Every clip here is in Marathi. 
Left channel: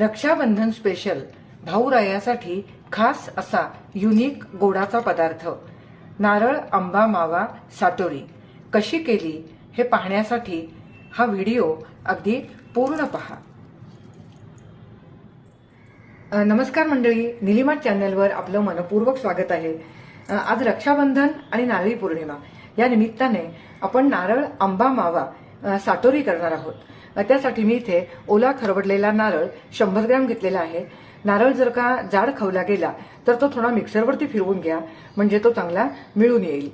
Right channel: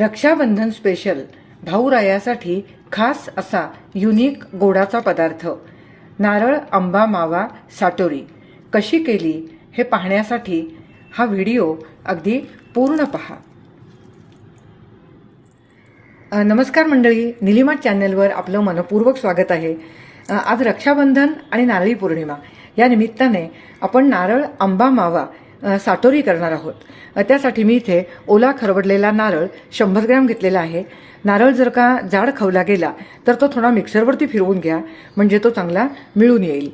रक्षाबंधन स्पेशल भाऊरायासाठी खास असा युनिक गोडाचा पदार्थ. नारळ आंबा मावा साटोरी. कशी केली हे पाहण्यासाठी हा व्हिडिओ अगदी पूर्ण पहा. नमस्कार मंडळी. निलिमा चॅनलवर आपलं मनपूर्वक स्वागत आहे. आज रक्षाबंधन आणि नारळी पौर्णिमा. या निमित्ताने आपण नारळ आंबा मावा साटोरी करणार आहोत. त्यासाठी मी इथे ओला खरवडलेला नारळ शंभर ग्रॅम घेतलेला आहे. नारळ जर का जाड खवला गेला तर तो थोडा मिक्सरवरती फिरवून घ्या म्हणजे तो चांगला मिळून येईल.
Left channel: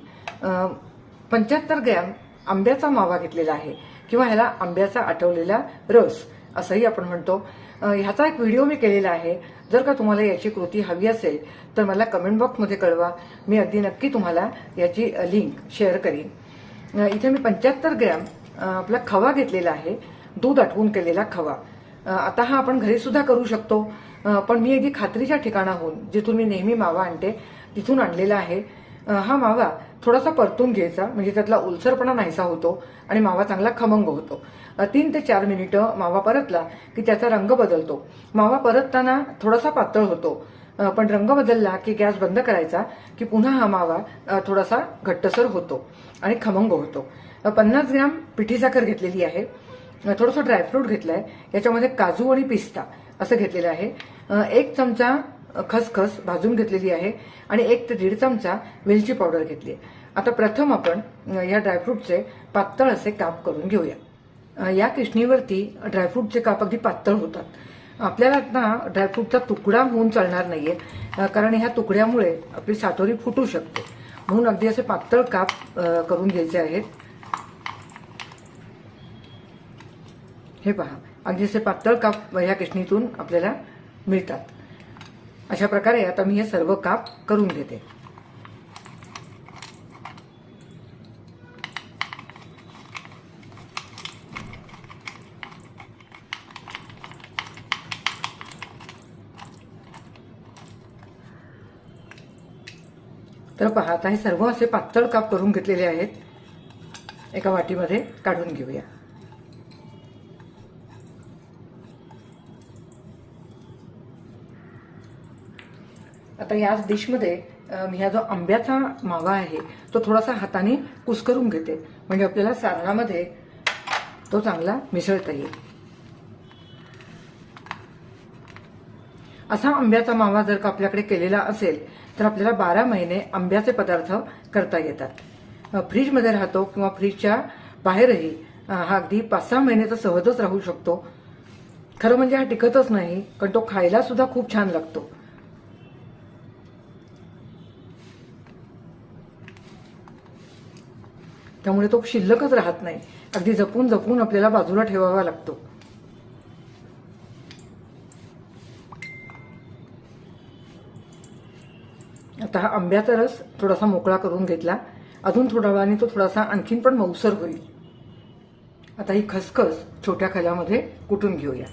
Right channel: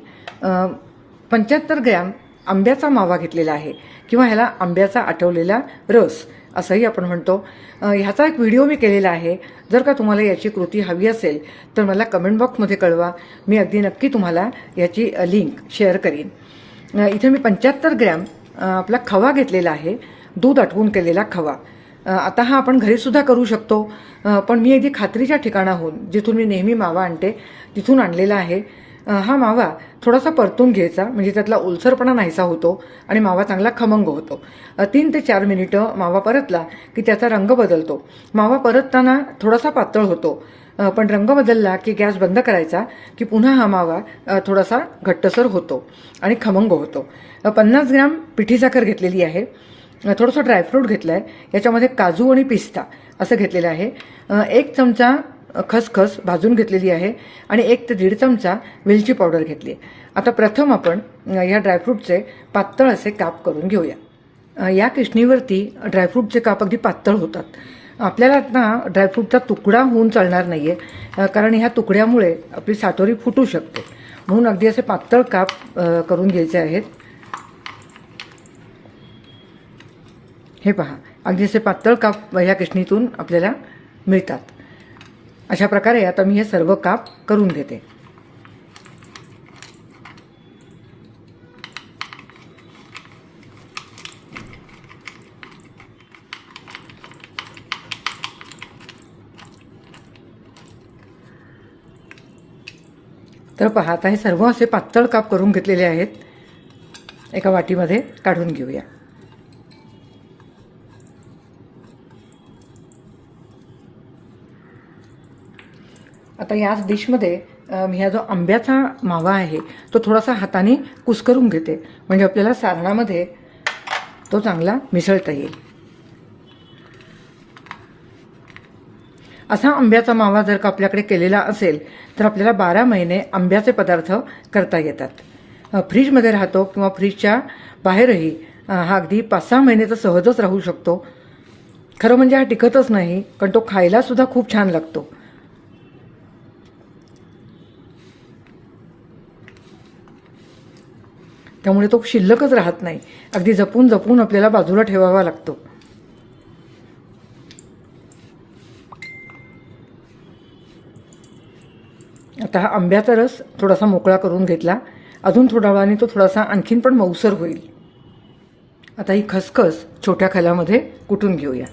पंच्याहत्तर ग्रॅम आंब्याचा मावा घेतलेला आहे किंवा ह्याला आंब्याचा आठवलेला रस असंही आपण म्हणतो. ह्याचा एक व्हिडिओ मी केलेला आहे. जर का तुम्हाला याची कृती हवी असेल तर मला कमेंट बॉक्समध्ये कळवा. मी अगदी नक्की तुम्हाला याची लिंक शेअर करीन. इथे मी पंच्याहत्तर ग्रॅम आपला खवा घेतलेला आहे. दूध आटवून केलेला खवा. आता हा आपण घरीसुद्धा करू शकतो. पण मी अगदी खात्रीच्या ठिकाणाहून जिथून मी नेहमी मावा आणते तिथून आणलेला आहे. हा मावा थोडासा परतून घ्यायचा म्हणजे त्यातला ओलसरपणा नाहीसा होतो आणि मावा चांगला खमंग होतो. तीन ते चार मिनिटं मावा परतला की त्याचा रंग बदलतो. मावा परतताना थोडासा पातळ होतो. पण रंग बदलला की गॅस बंद करायचा की पुन्हा हा मावा थोडासा घट्टसर होतो आणि खमंग होतो. पन्नास ग्रॅम पिठी साखर घेतलेली आहे. थोडंसं ड्रायफ्रूट घेतलं आहे याच्यामध्ये काजू आणि पिस्ता असं घेतलेलं आहे. एक चमचा खसखस भाजून घेतलेली आहे आणि एक ते दीड चमचा वेलची पावडर घेतली आहे. आता प्रथम आपण या ड्रायफ्रूटचे पातळ असे काप करून घेऊया. या किशणीवरती ड्रायफ्रूटचे काप अगदी पातळ होतात. आपल्याला आता ड्रायफ्रूटचा तुकडा होऊन चालणार नाही आहे कारण ह्या तुकड्यामुळे आपली सातोरी फुटू शकते. म्हणून अगदी असे पातळ काप करून घ्यायचे आहेत. हे पहा अगदी असे पातळ काप ह्या किशणीतून आपल्याला मिळतात. अशा प्रकारे आता मी हे सर्व काप करून घेते. तर पाहता हे सर्व असे पातळ काप करून घेतलेले आहेत. एका वाटीमध्ये काढून घेऊया. आता याच डिशमध्ये मी हा जो आंब्याचा मावा आहे तो थोडासा हाताने कुस्करून घेते. म्हणजे आपल्याला सारणामध्ये तो चांगला मिसळता येईल. असा आंब्याचा मावा जर का आपल्याकडे केलेला असेल तर आपल्याला बारा महिने आंब्याचे पदार्थ करता येतात. फ्रीजमध्ये राहतो किंवा फ्रीजच्या बाहेरही हा अगदी पाच सहा महिने तर सहजच राहू शकतो. खरं म्हणजे हा टिकतच नाही पण तो खायला सुद्धा खूप छान लागतो. त्यामुळे तो शिल्लकच राहत नाही. अगदी जपून जपून आपल्याला बाजूला ठेवावा लागतो. आता हा आंब्याचा रस थोडासा मोकळा करून घेतला. अजून थोड्या वेळाने तो थोडासा आणखीन पण मऊसर होईल. आता ही खसखस छोट्या खल्यामध्ये कुटून घेऊया?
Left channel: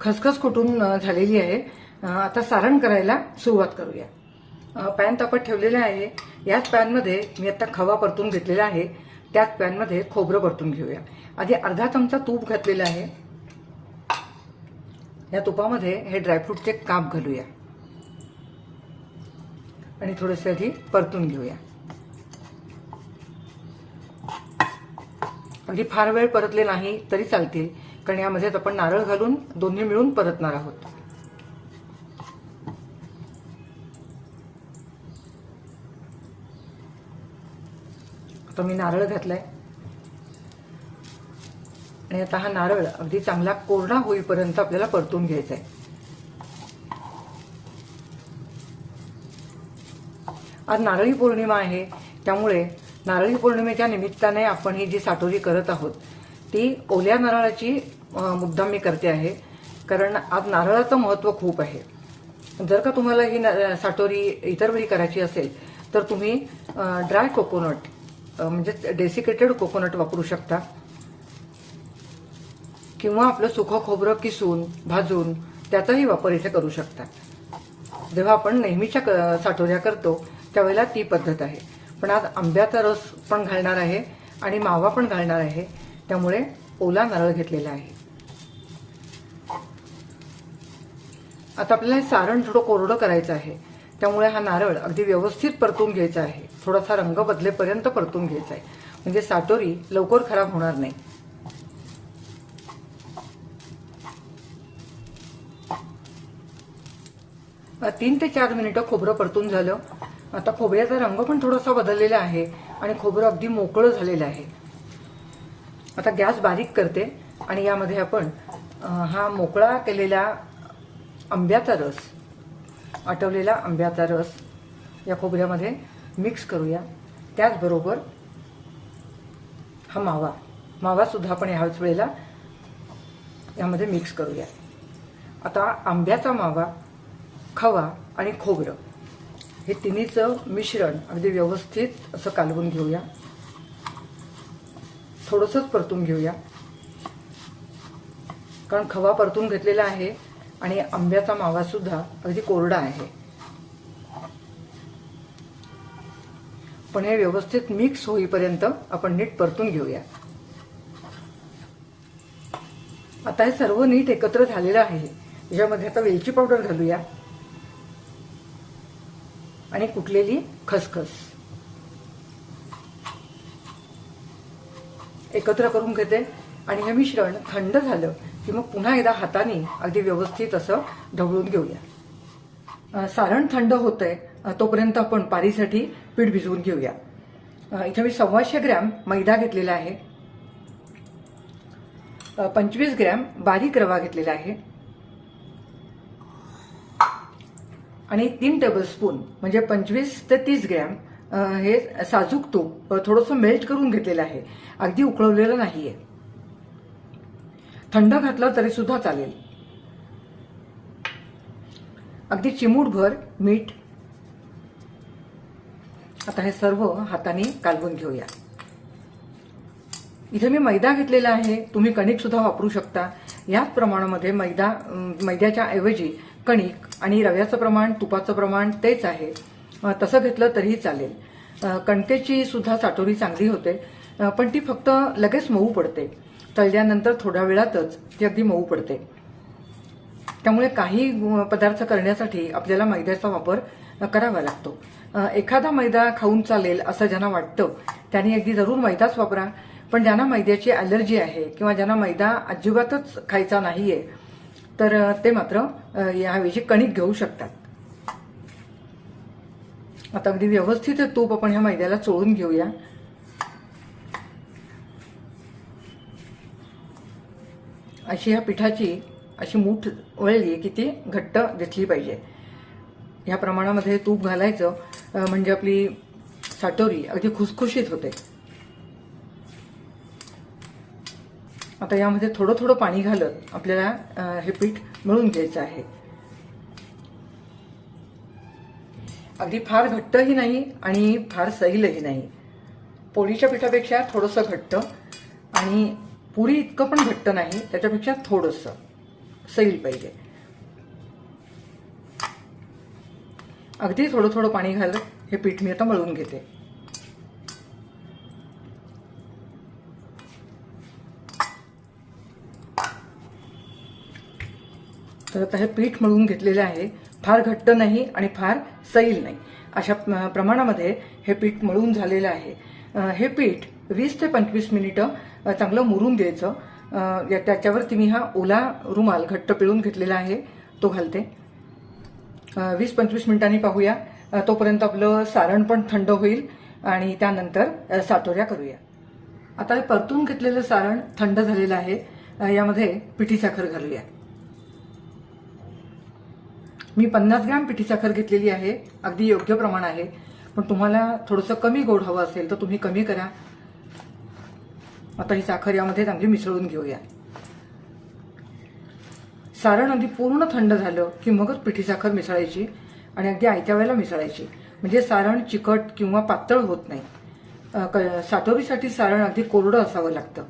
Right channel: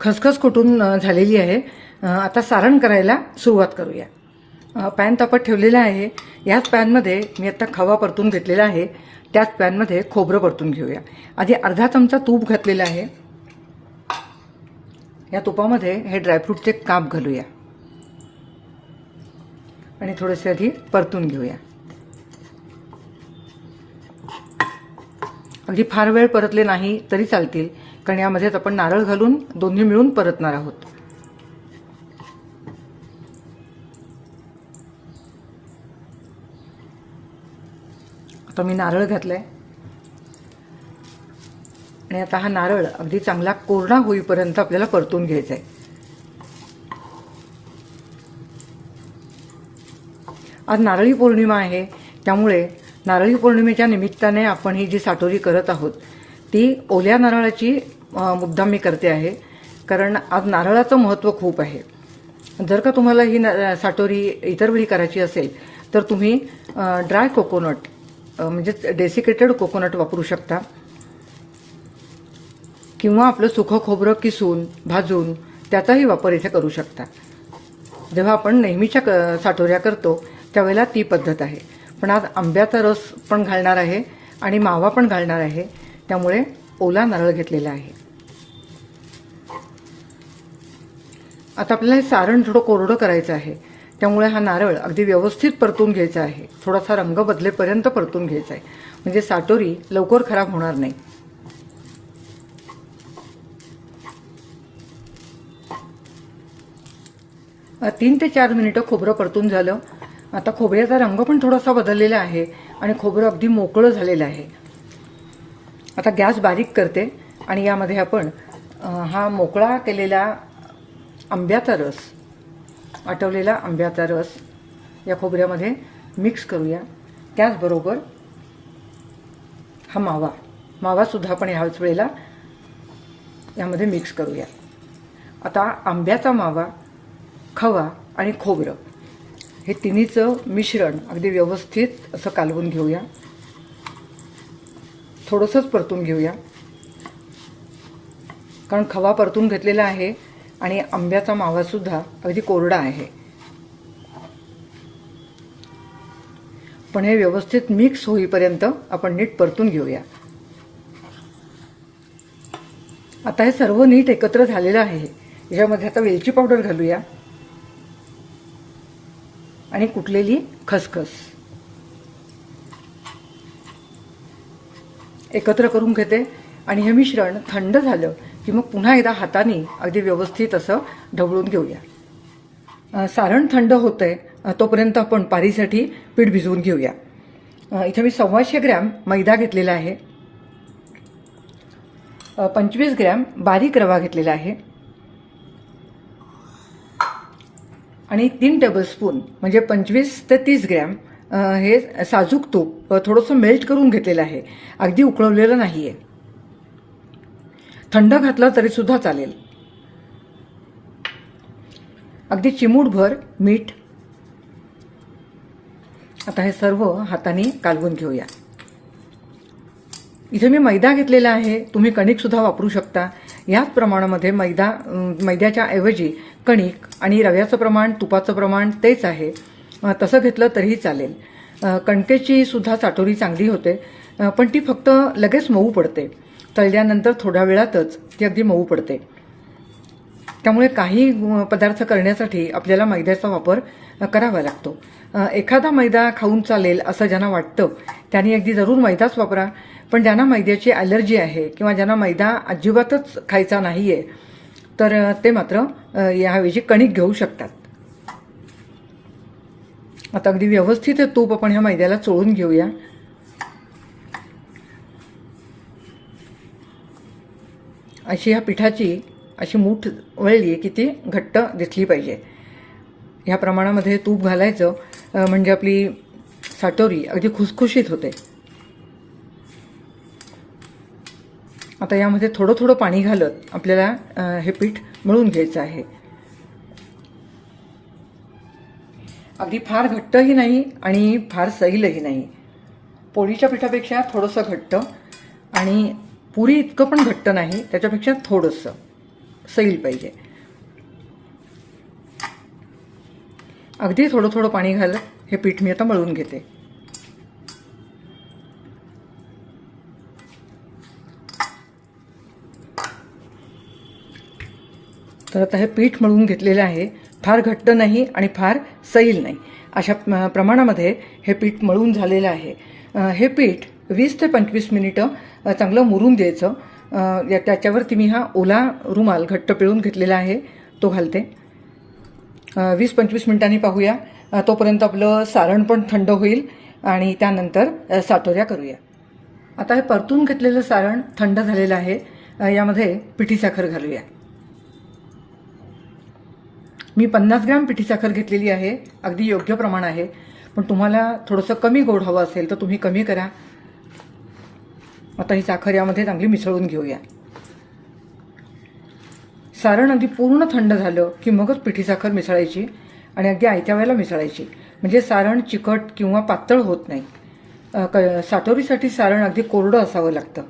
खसखस कुटून झालेली आहे. आता सारण करायला सुरुवात करूया. पॅन तापत ठेवलेला आहे. याच पॅनमध्ये मी आता खवा परतून घेतलेला आहे. त्याच पॅनमध्ये खोबरं परतून घेऊया. आधी अर्धा चमचा तूप घातलेला आहे. या तुपामध्ये हे ड्रायफ्रूटचे काप घालूया. आणि थोडेसे आधी परतून घेऊया. अगदी फार वेळ परतले नाही तरी चालतील कारण यामध्येच आपण नारळ घालून दोन्ही मिळून परतणार आहोत. आता मी नारळ घातलाय. आणि आता हा नारळ अगदी चांगला कोरडा होईपर्यंत आपल्याला परतून घ्यायचा आहे आज नारळी पौर्णिमा आहे त्यामुळे नारळी पौर्णिमेच्या निमित्ताने आपण ही जी साटोरी करत आहोत ती ओल्या नारळाची मुद्दाम मी करते आहे कारण आज नारळाचं महत्त्व खूप आहे. जर का तुम्हाला ही साठोरी इतर वेळी करायची असेल तर तुम्ही ड्राय कोकोनट म्हणजे डेसिकेटेड कोकोनट वापरू शकता. किंवा आपलं सुखं खोबरं किसून भाजून त्याचाही वापर इथे करू शकता जेव्हा आपण नेहमीच्या क- साठोऱ्या करतो त्यावेळेला ती पद्धत आहे. पण आज आंब्याचा रस पण घालणार आहे आणि मावा पण घालणार आहे त्यामुळे ओला नारळ घेतलेला आहे. आता आपल्याला हे सारण थोडं कोरडं करायचं आहे. त्यामुळे हा नारळ अगदी व्यवस्थित परतून घ्यायचा आहे. थोडासा रंग बदलेपर्यंत परतून घ्यायचा आहे. म्हणजे साटोरी लवकर खराब होणार नाही. तीन ते चार मिनिटं खोबरं परतून झालं. आता खोबऱ्याचा रंग पण थोडासा बदललेला आहे आणि खोबरं अगदी मोकळं झालेलं आहे. आता गॅस बारीक करते आणि यामध्ये आपण हा मोकळा केलेला आंब्याचा रस आटवलेला आंब्याचा रस या खोबऱ्यामध्ये मिक्स करूया. त्याचबरोबर हा मावा मावासुद्धा आपण ह्याच वेळेला यामध्ये मिक्स करूया. आता आंब्याचा मावा खवा आणि खोबरं. हे तिन्हीचं मिश्रण अगदी व्यवस्थित असं कालवून घेऊया. थोडंसंच परतून घेऊया. कारण खवा परतून घेतलेला आहे आणि आंब्याचा मावासुद्धा अगदी कोरडा आहे. पण हे व्यवस्थित मिक्स होईपर्यंत आपण नीट परतून घेऊया. आता हे सर्व नीट एकत्र झालेलं आहे. याच्यामध्ये आता वेलची पावडर घालूया. आणि कुटलेली खसखस. एकत्र करून घेते. आणि हे मिश्रण थंड झालं की मग पुन्हा एकदा हाताने अगदी व्यवस्थित असं ढवळून घेऊया. सारण थंड होतंय तोपर्यंत आपण पारीसाठी पीठ भिजवून घेऊया. इथे मी सव्वाशे ग्रॅम मैदा घेतलेला आहे. पंचवीस ग्रॅम बारीक रवा घेतलेला आहे. आणि तीन टेबलस्पून म्हणजे पंचवीस ते तीस ग्रॅम हे साजूक तूप थोडंसं मेल्ट करून घेतलेलं आहे. अगदी उकळवलेलं नाही आहे थंड घातलं तरी सुद्धा चालेल. अगदी चिमूटभर मीठ. आता हे सर्व हाताने कालवून घेऊया. इथे मी मैदा घेतलेला आहे. तुम्ही कणिकसुद्धा वापरू शकता. याच प्रमाणामध्ये मैदा मैद्याच्या ऐवजी कणिक आणि रव्याचं प्रमाण तुपाचं प्रमाण तेच आहे. तसं घेतलं तरीही चालेल. कणकेची सुद्धा साठोरी चांगली होते. पण ती फक्त लगेच मऊ पडते. तळल्यानंतर थोड्या वेळातच ती अगदी मऊ पडते. त्यामुळे काही पदार्थ करण्यासाठी आपल्याला मैद्याचा वापर करावा लागतो. एखादा मैदा खाऊन चालेल असं ज्यांना वाटतं त्यांनी अगदी जरूर मैदाच वापरा. पण ज्यांना मैद्याची ॲलर्जी आहे किंवा ज्यांना मैदा अजिबातच खायचा नाही आहे तर ते मात्र याऐवजी कणिक घेऊ शकतात. आता अगदी व्यवस्थित तूप आपण ह्या मैद्याला चोळून घेऊया. अशी ह्या पिठाची अशी मूठ वळली की ती घट्ट दिसली पाहिजे. ह्या प्रमाणामध्ये तूप घालायचं म्हणजे आपली साटोरी अगदी खुसखुशीत होते. आता यामध्ये थोडं थोडं पाणी घालत आपल्याला हे पीठ मळून घ्यायचं आहे. अगदी फार घट्टही नाही आणि फार सैलही नाही. पोळीच्या पिठापेक्षा थोडंसं घट्ट आणि पुरी इतकं पण घट्ट नाही त्याच्यापेक्षा थोडंसं सैल पाहिजे. अगदी थोडं थोडं पाणी घालत हे पीठ मी आता मळून घेते. तर आता हे पीठ मळून घेतलेलं आहे. फार घट्ट नाही आणि फार सैल नाही. अशा प्रमाणामध्ये हे पीठ मळून झालेलं आहे. हे पीठ वीस ते पंचवीस मिनिटं चांगलं मुरून द्यायचं. या- त्याच्यावरती मी हा ओला रुमाल घट्ट पिळून घेतलेला आहे. तो घालते. वीस पंचवीस मिनिटांनी पाहूया. तोपर्यंत आपलं सारण पण थंड होईल आणि त्यानंतर सातोऱ्या करूया. आता हे परतून घेतलेलं सारण थंड झालेलं आहे. यामध्ये पिठी साखर घालूया. मी पन्नास ग्रॅम पिठी साखर घेतलेली आहे. अगदी योग्य प्रमाण आहे. पण तुम्हाला थोडंसं कमी गोड हवं असेल तर तुम्ही कमी करा. आता ही साखर यामध्ये चांगली मिसळून घेऊया. सारण अगदी पूर्ण थंड झालं की मगच पिठी साखर मिसळायची आणि अगदी आयत्या वेळेला मिसळायची. म्हणजे सारण चिकट किंवा पातळ होत नाही. क- साटोरीसाठी सारण अगदी कोरडं असावं लागतं.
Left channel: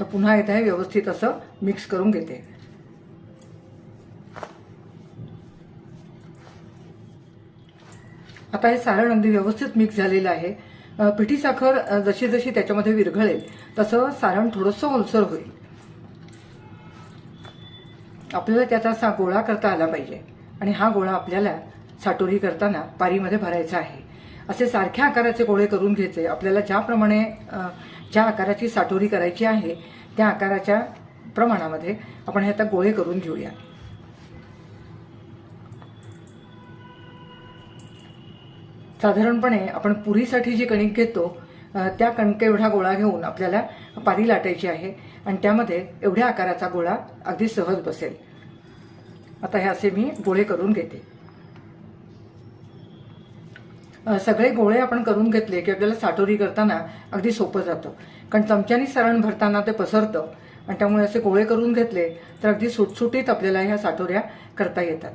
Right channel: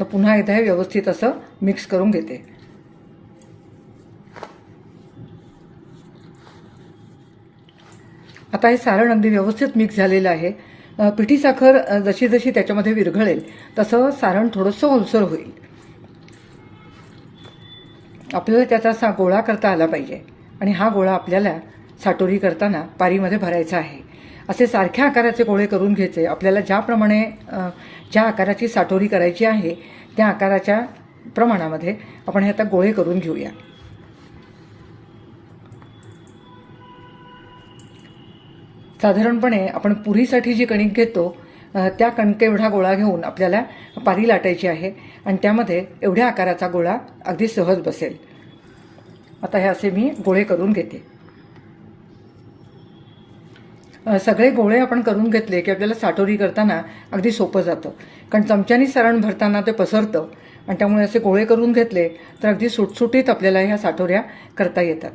तर पुन्हा एकदा हे व्यवस्थित असं मिक्स करून घेते. आता हे सारण अगदी व्यवस्थित मिक्स झालेलं आहे. पिठी साखर जशी जशी त्याच्यामध्ये विरघळेल तसं सारण थोडंसं ओलसर होईल. आपल्याला त्याचा असा गोळा करता आला पाहिजे आणि हा गोळा आपल्याला साटोरी करताना पारीमध्ये भरायचा आहे. असे सारख्या आकाराचे गोळे करून घ्यायचे. आपल्याला ज्याप्रमाणे ज्या आकाराची साठोरी करायची आहे त्या आकाराच्या प्रमाणामध्ये आपण हे आता गोळे करून घेऊया. साधारणपणे आपण पुरीसाठी जी कणिक घेतो त्या कणके एवढा गोळा घेऊन आपल्याला पारी लाटायची आहे आणि त्यामध्ये एवढ्या आकाराचा गोळा अगदी सहज बसेल. आता हे असे मी गोळे करून घेते. सगळे गोळे आपण करून घेतले की आपल्याला साठोरी करताना अगदी सोपं जातं. कारण चमच्यानी सारण भरताना ते पसरतं आणि त्यामुळे असे गोळे करून घेतले तर अगदी सुटसुटीत आपल्याला ह्या साठोऱ्या करता येतात.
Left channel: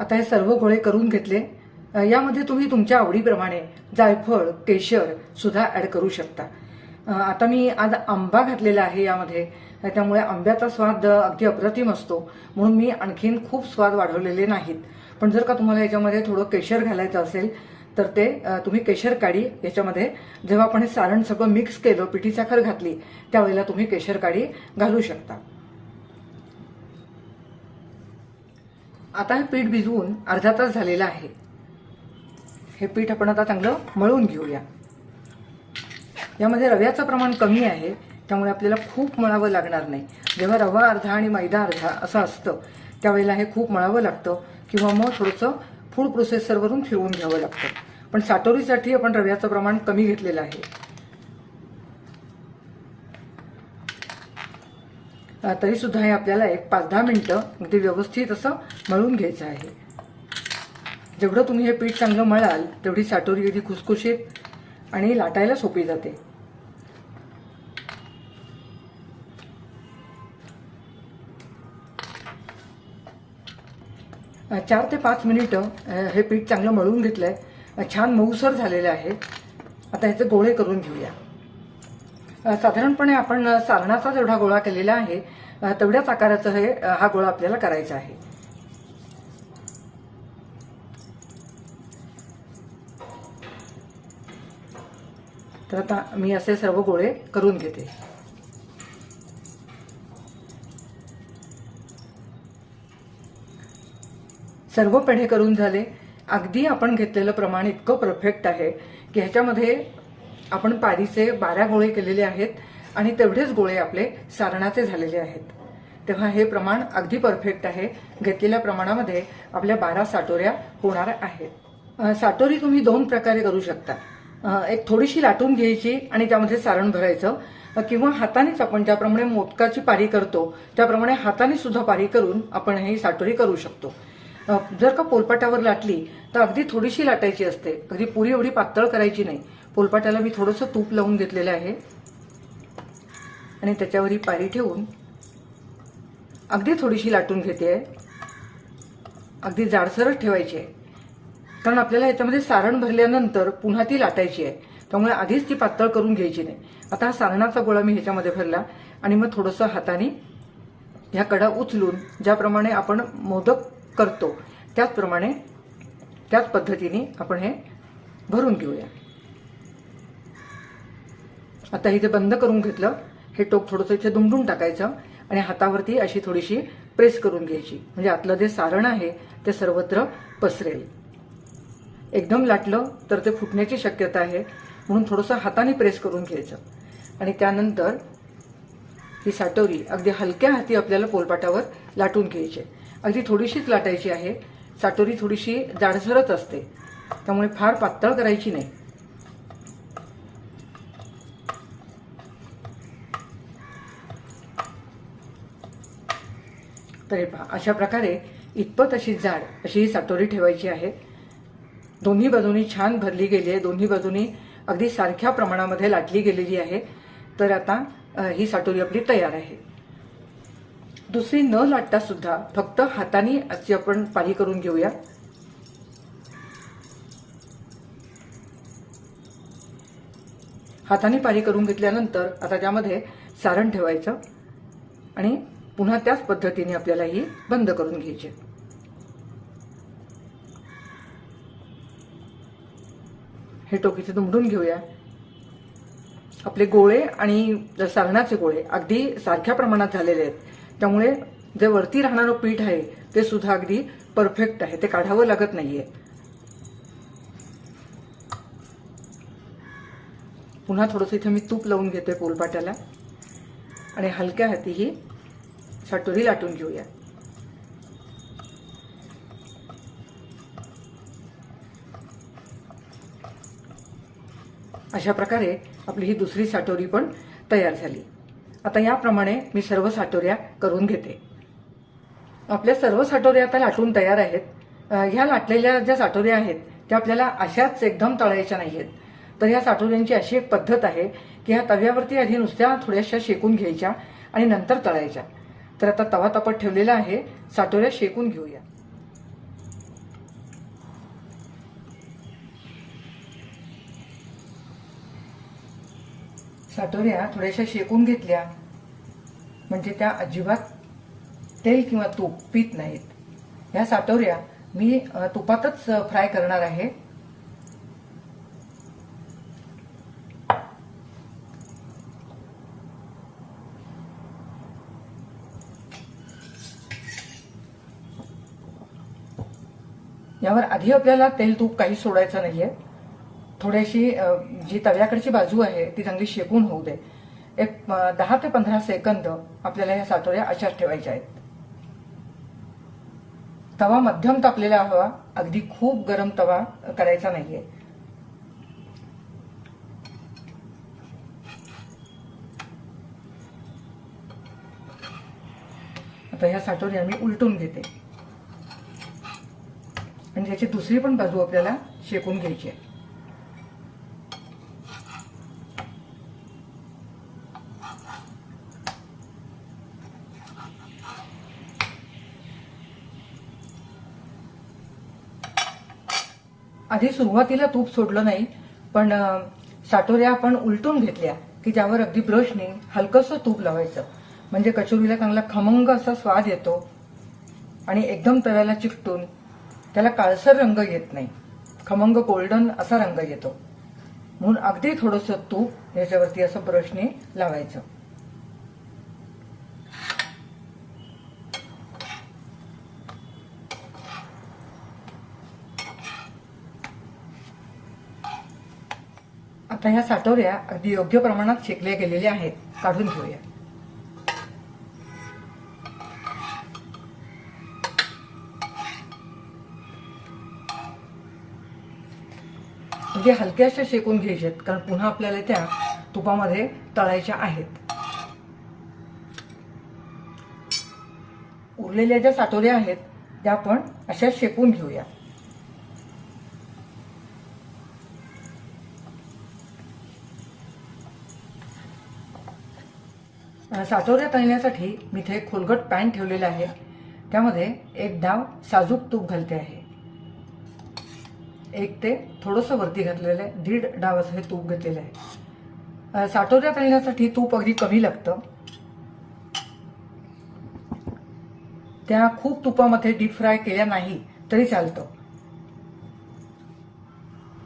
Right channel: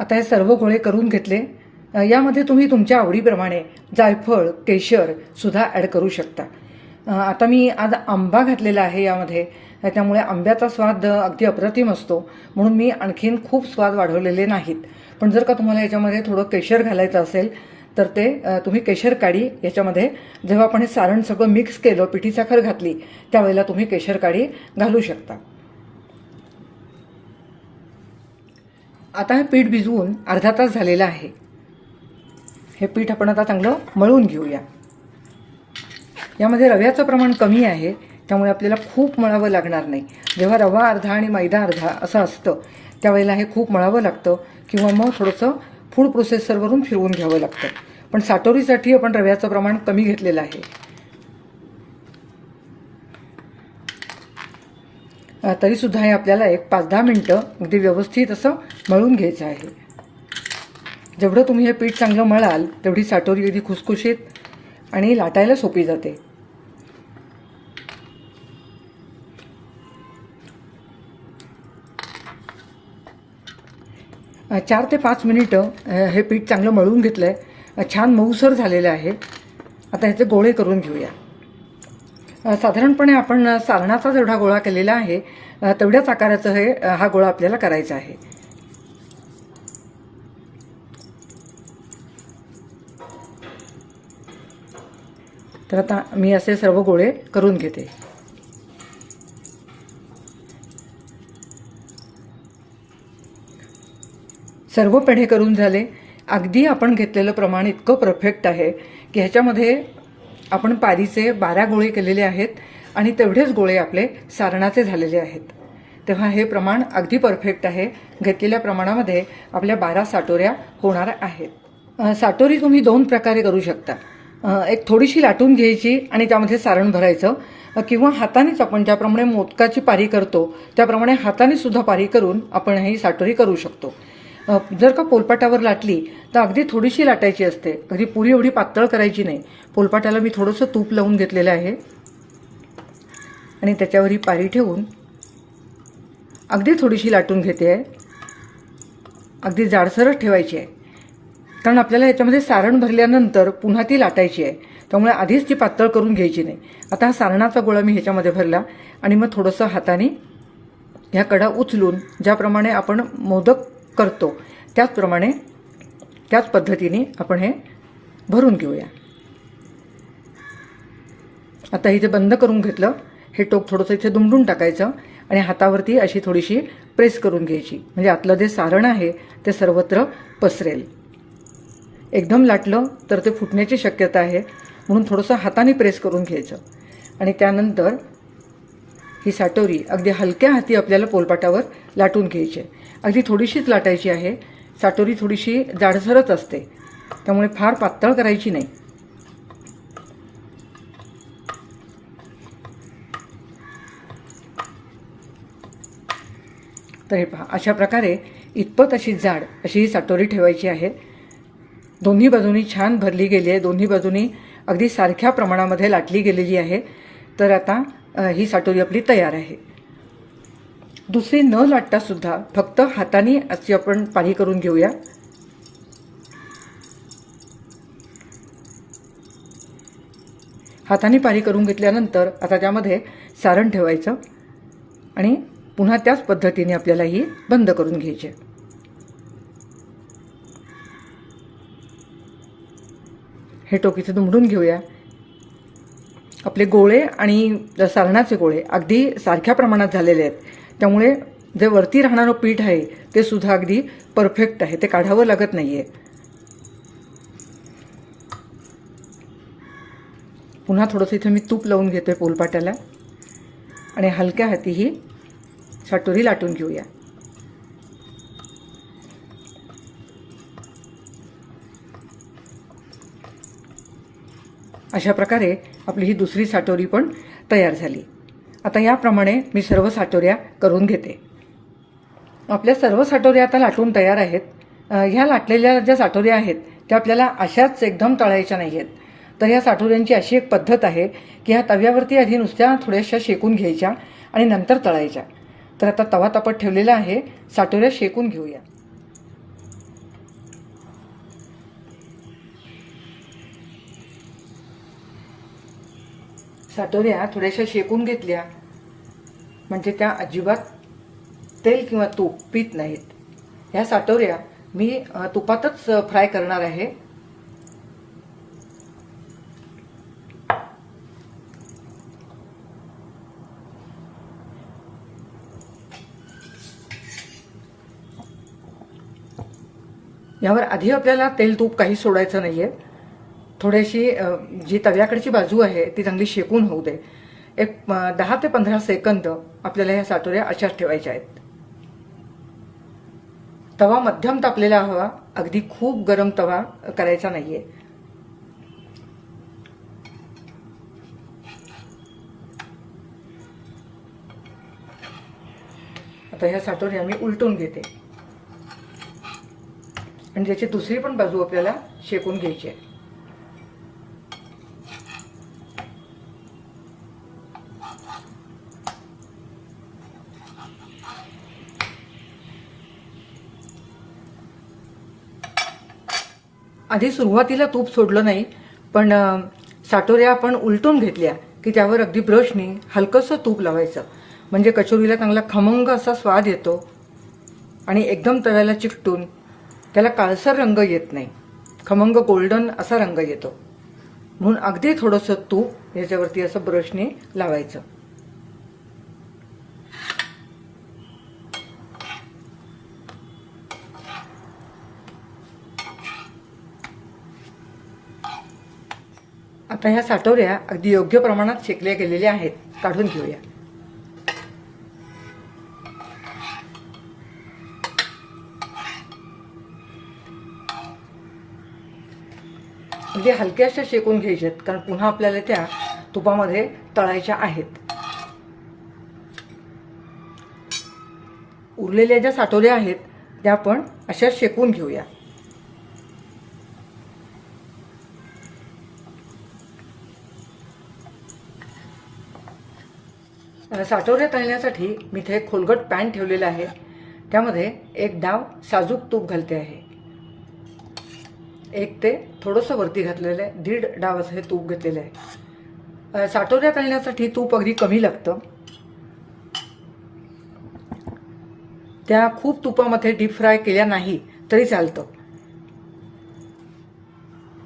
आता हे सर्व गोळे करून घेतले. यामध्ये तुम्ही तुमच्या आवडीप्रमाणे जायफळ केशर सुद्धा ॲड करू शकता. आता मी आज आंबा घातलेला आहे यामध्ये. त्यामुळे आंब्याचा स्वाद अगदी अप्रतिम असतो. म्हणून मी आणखीन खूप स्वाद वाढवलेले नाहीत. पण जर का तुम्हाला याच्यामध्ये थोडं केशर घालायचं असेल तर ते तुम्ही केशर काडी याच्यामध्ये जेव्हा आपण हे सारण सगळं मिक्स केलं पिठी साखर घातली त्यावेळेला तुम्ही केशर काडी घालू शकता. आता हे पीठ भिजवून अर्धा तास झालेला आहे. हे पीठ आपण आता चांगलं मळून घेऊया. यामध्ये रव्याचं प्रमाण कमी आहे त्यामुळे आपल्याला खूप मळावं लागणार नाही. जेव्हा रवा अर्धा आणि मैदा अर्धा असं असतं त्यावेळेला हे खूप मळावं लागतं किंवा मग थोडंसं फूड प्रोसेसरवरून फिरवून घ्यावं लागतं. पण साटोरीसाठी आपण रव्याचं प्रमाण कमी घेतलेलं आहे. तरीसुद्धा हे आपल्याला एक पाच दहा मिनटं अगदी व्यवस्थित असं मळून घ्यायचं आहे. जेवढं तुम्ही हे पीठ चांगलं मळाल तेवढी साटोरी अगदी खुसखुशीत आणि लाटायला सोपी जाते. चार ते पाच मिनिटं हे पीठ चांगलं मळून घेतलं आहे छान मऊसर झालेलं आहे. आता ह्याचे गोळे करून घेऊया. साधारणपणे आपण सारणाचा जेवढा गोळा केलेला आहे तेवढ्याच आकाराचं हे हा गोळा आपल्याला करायचा आहे. तर आता मी असे सर्व गोळे करून घेते. सर्व पेढे करून झाले. अगदी आपण घेतलेलं प्रमाण इतकं परफेक्ट आहे की ह्याच्यामध्ये आपण पारीचे बारा गोळे केलेले आहेत आणि तेवढेच गोळे आपले सारणाचे झालेले आहेत. तेव्हा हे प्रमाण अगदी परफेक्ट आहे. घेतलेल्या प्रमाणामध्ये आपल्या बारा साटोऱ्या होणार आहेत. साटोरी तुम्ही दोन प्रकारे करू शकता. एक थोडीशी लाटून घ्यायची आणि त्यामध्ये सारण भरायचं. किंवा हातानेच आपण ज्याप्रमाणे मोदकाची पारी करतो त्याप्रमाणे हाताने सुद्धा पारी करून आपण ही साटोरी करू शकतो. जर का पोलपाटावर लाटली तर अगदी थोडीशी लाटायची असते. अगदी पुरी एवढी पातळ करायची नाही. पोलपाटाला मी थोडंसं तूप लावून घेतलेलं आहे. आणि त्याच्यावर ही पारी ठेवून अगदी थोडीशी लाटून घेते आहे. अगदी जाडसरच ठेवायची आहे. कारण आपल्याला याच्यामध्ये सारण भरल्यानंतर पुन्हा ती लाटायची आहे. त्यामुळे आधीच ती पातळ करून घ्यायची नाही. आता हा सारणाचा गोळा मी ह्याच्यामध्ये भरला आणि मग थोडंसं हाताने ह्या कडा उचलून ज्याप्रमाणे आपण मोदक करतो. त्याचप्रमाणे त्याच पद्धतीने आपण हे भरून घेऊया. आता इथे बंद करून घेतलं हे टोक थोडंसं इथे दुमडून टाकायचं आणि हातावरती अशी थोडीशी प्रेस करून घ्यायची. म्हणजे आतलं जे सारण आहे ते सर्वत्र पसरेल. एकदम लाटलं तर ते फुटण्याची शक्यता आहे म्हणून थोडंसं हाताने प्रेस करून घ्यायचं. आणि त्यानंतर ही साटोरी अगदी हलक्या हाती आपल्याला पोलपाटावर लाटून घ्यायची. आहे. अगदी थोडीशीच लाटायची आहे. साटोरी थोडीशी जाडसरच असते. त्यामुळे फार पातळ करायची नाही. तर हे पहा अशा प्रकारे इतपत अशी जाड अशी ही साटोरी ठेवायची आहे. दोन्ही बाजूनी छान भरली गेली आहे. दोन्ही बाजूनी अगदी सारख्या प्रमाणामध्ये लाटली गेलेली आहे. तर आता ही साटोरी आपली तयार आहे. दुसरी न लाटता सुद्धा फक्त हाताने अशी आपण पाणी करून घेऊया. हाताने पाणी करून घेतल्यानंतर आता त्यामध्ये सारण ठेवायचं आणि पुन्हा त्याच पद्धतीने आपल्याला ही बंद करून घ्यायची. हे टोकीचं दुमडून घेऊया. आपले गोळे आणि सारणाचे गोळे अगदी सारख्या प्रमाणात झालेले आहेत. त्यामुळे जे वरती राहणारं पीठ आहे ते सुद्धा अगदी परफेक्ट आहे. ते काढावं लागत नाही आहे पुन्हा थोडंसं इथे मी तूप लावून घेते पोलपाट्याला आणि हलक्या हाती ही साटोरी लाटून घेऊया. अशा प्रकारे आपली ही दुसरी साटोरी पण तयार झाली. आता याप्रमाणे मी सर्व साटोऱ्या करून घेते. आपल्या सर्व साटोऱ्या आता लाटून तयार आहेत. ह्या लाटलेल्या ज्या साठोऱ्या आहेत त्या आपल्याला अशाच एकदम तळायच्या नाही आहेत तर ह्या साठोऱ्यांची अशी एक पद्धत आहे की ह्या तव्यावरती आधी नुसत्या थोड्याशा शेकून घ्यायच्या आणि नंतर तळायच्या. तर आता तवा तापत ठेवलेला आहे. साटोऱ्या शेकून घेऊया. साठवण्या थोड्याशा शेकून घेतल्या. म्हणजे त्या अजिबात तेल किंवा तूप पीत नाहीत. ह्या साटोऱ्या मी तुपातच फ्राय करणार आहे. यावर आधी आपल्याला तेल तूप काही सोडायचं नाहीये. थोडीशी जी तव्याकडची बाजू आहे ती चांगली शेकून होऊ दे. एक दहा ते पंधरा सेकंद आपल्याला ह्या सातोऱ्या अशाच ठेवायच्या आहेत. तवा मध्यम तापलेला हवा अगदी खूप गरम तवा करायचा नाहीये. आता ह्या सातोऱ्या मी उलटून घेते. आणि त्याची दुसरी पण बाजू आपल्याला शेकून घ्यायची आहे. आधी सुरुवातीला तूप सोडलं नाही पण साठोऱ्या साटोऱ्या आपण उलटून घेतल्या की त्यावर अगदी ब्रशनी हलकंसं तूप लावायचं. म्हणजे कचोरीला चांगला खमंग असा स्वाद येतो आणि एकदम तव्याला चिकटून त्याला काळसर रंग येत नाही. खमंग गोल्डन असा रंग येतो. म्हणून अगदी थोडंसं तूप याच्यावरती असं ब्रशने लावायचं. आता ह्या साठवल्या अगदी योग्य प्रमाणात शेकल्या गेलेल्या आहेत. काढून घेऊया. म्हणजे हलक्याशा शेकून घ्यायच्यात कारण पुन्हा आपल्याला त्या तुपामध्ये तळायच्या आहेत. उरलेल्या ज्या साठवल्या आहेत त्या आपण अशा शेकून घेऊया. साठवण्या तळण्यासाठी मी इथे खोलगट पॅन ठेवलेला आहे. त्यामध्ये एक डाव साजूक तूप घालते आहे. एक ते थोडंसं वरती घातलेलं आहे. दीड डाव असं हे तूप घेतलेलं आहे. साठवण्या तळण्यासाठी तूप अगदी कमी लागतं. त्या खूप तुपामध्ये डीप फ्राय केल्या नाही तरी चालतं.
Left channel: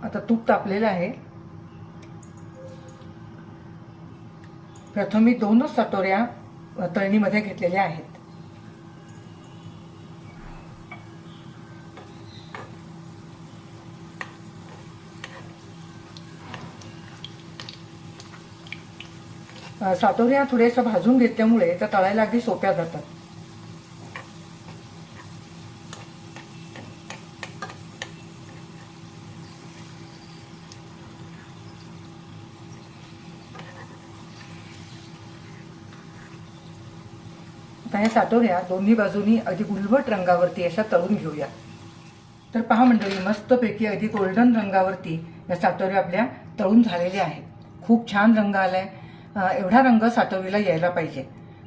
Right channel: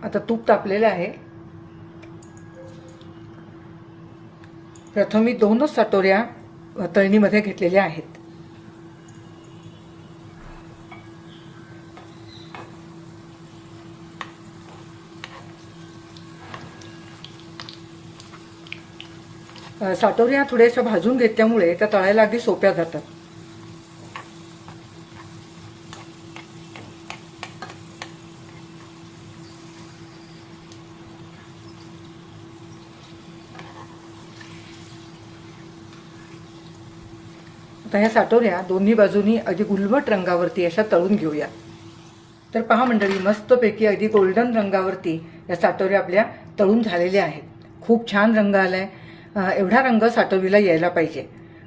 आता तूप तापलेलं आहे. प्रथम मी दोनच साटोऱ्या तळणीमध्ये घेतलेल्या आहेत. साटोऱ्या थोड्याशा भाजून घेतल्यामुळे त्या तळायला अगदी सोप्या जातात. आता ह्या साठवण्या दोन्ही बाजूनी अगदी गुलबट रंगावरती अशा तळून घेऊया तर पहा मंडळी मस्तपैकी अगदी गोल्डन रंगावरती या साटोऱ्या आपल्या तळून झालेल्या आहेत. खूप छान रंग आलाय. एवढा रंग साठवणीला यायला पाहिजे.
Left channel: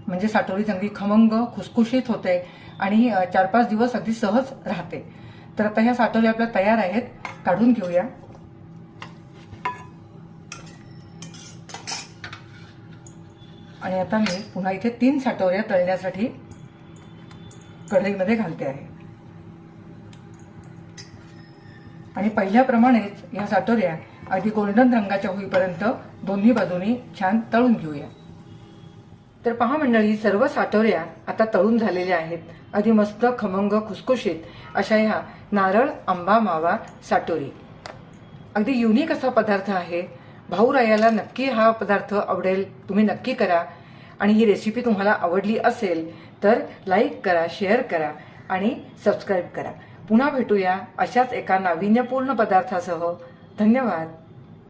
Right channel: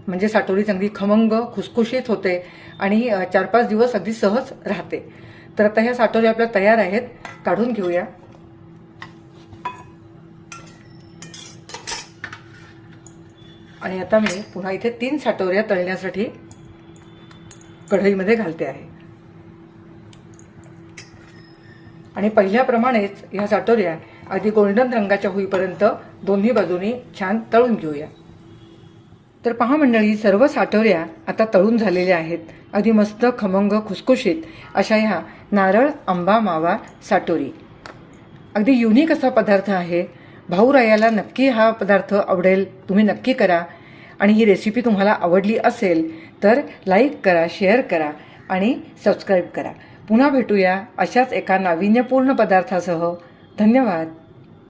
म्हणजे साठवली चांगली खमंग खुसखुशीत होते आणि चार पाच दिवस अगदी सहज राहते. तर आता ह्या साठवल्या आपल्या तयार आहेत. काढून घेऊया. आणि आता मी पुन्हा इथे तीन साटोऱ्या तळण्यासाठी कढईमध्ये घालते आहे. आणि पहिल्याप्रमाणेच ह्या साटोऱ्या अगदी गोल्डन रंगाच्या होईपर्यंत दोन्ही बाजूनी छान तळून घेऊया. तर पहा मंडळी सर्व साठवऱ्या आता तळून झालेल्या आहेत. अगदी मस्त खमंग खुसखुशीत अशा ह्या नारळ आंबा मावा साटोरी अगदी युनिक असा पदार्थ आहे. भाऊरायाला नक्की हा पदार्थ आवडेल. तुम्ही नक्की करा. आणि ही रेसिपी तुम्हाला आवडली असेल तर लाईक करा शेअर करा आणि सबस्क्राईब करा. पुन्हा भेटूया अशाच एका नाविन्यपूर्ण पदार्थासह. धन्यवाद.